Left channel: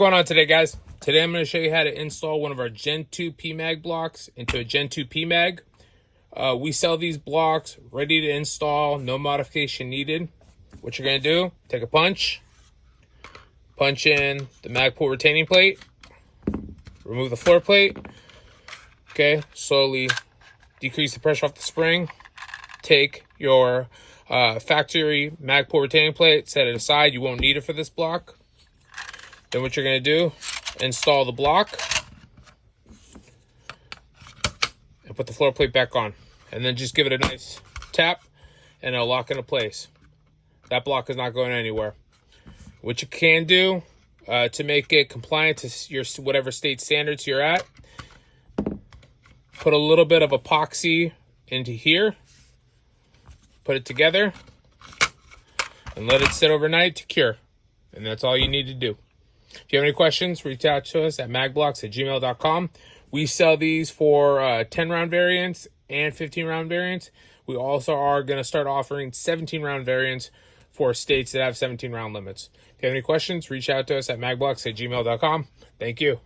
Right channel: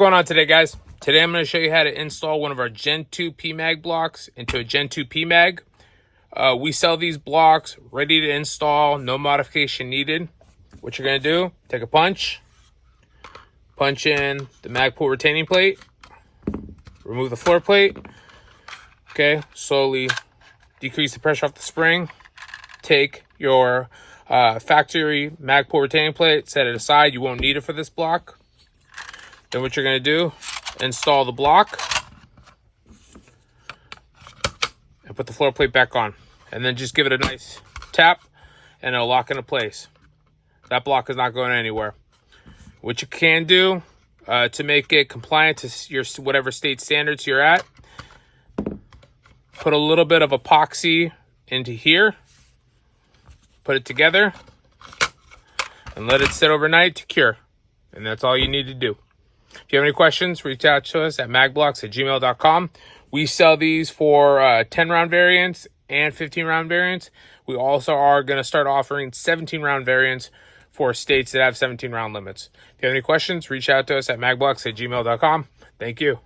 going on today, guys? Today I'm going to show you how to install one of our Gen 2 Pmag blocks into a Gen 2 Pmag. We sell these blocks ready to install, no modification needed. What you're going to do, take a punch in the Magpul retaining plate, remove the floor plate, okay, slowly decrease the pressure off the spring, take your factory Magpul retaining plate, set it aside, you won't need it for this block. Then what you're going to do, install the block and put the floor plate back on. And then just give it a nice tap and it'll lock into place. That block is not going anywhere. What you can do to make it compliant to your whatever state standards you're at, put a little bit of epoxy into here, put it together, and let it sit overnight to cure. And that's all you need to do. If you have any questions, reach out to us at magblocks@gmail.com. We sell these for 10-round variants and 15-round variants. We also are going to start offering 17-round variants for states that have 17-round limits. If you have any questions, reach out to us at magblocks@gmail.com. Thank you.